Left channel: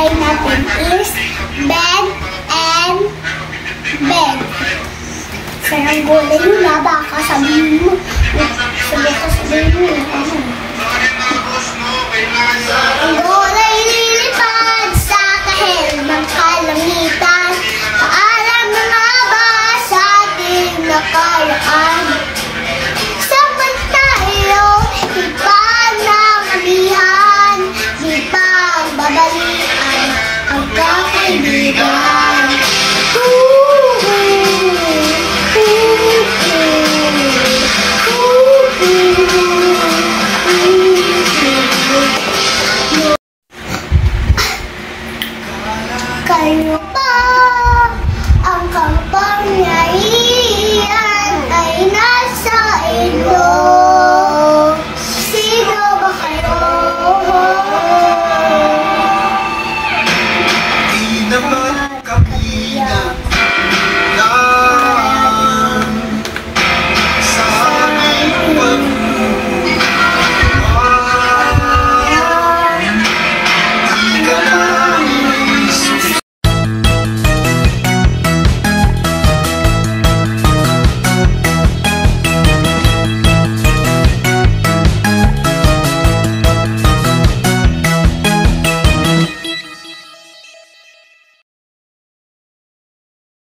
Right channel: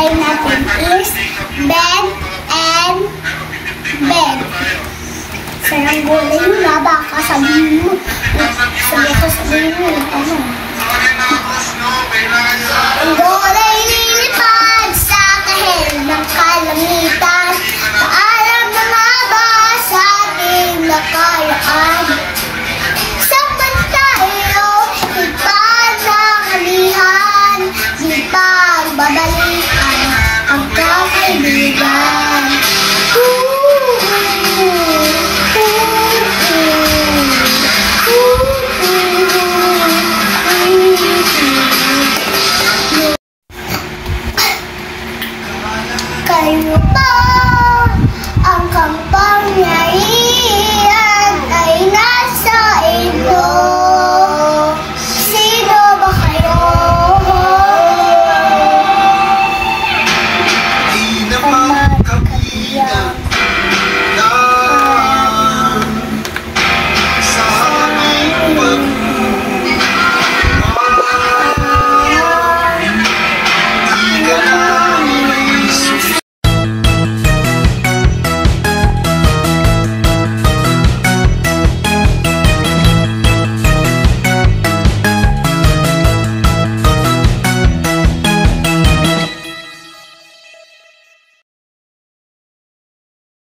try natin is bed and bed. Saranggola yun na, baka sabihin mo. Sabihin mo yung ano. Ang gola'y lilipad sa kahel ng kalamitan. Paalam na nga ba sa ating nakaraan? Sapat tayo, higpan ng amihan, di pagbabalikan ang kakaibigan. Kayo pa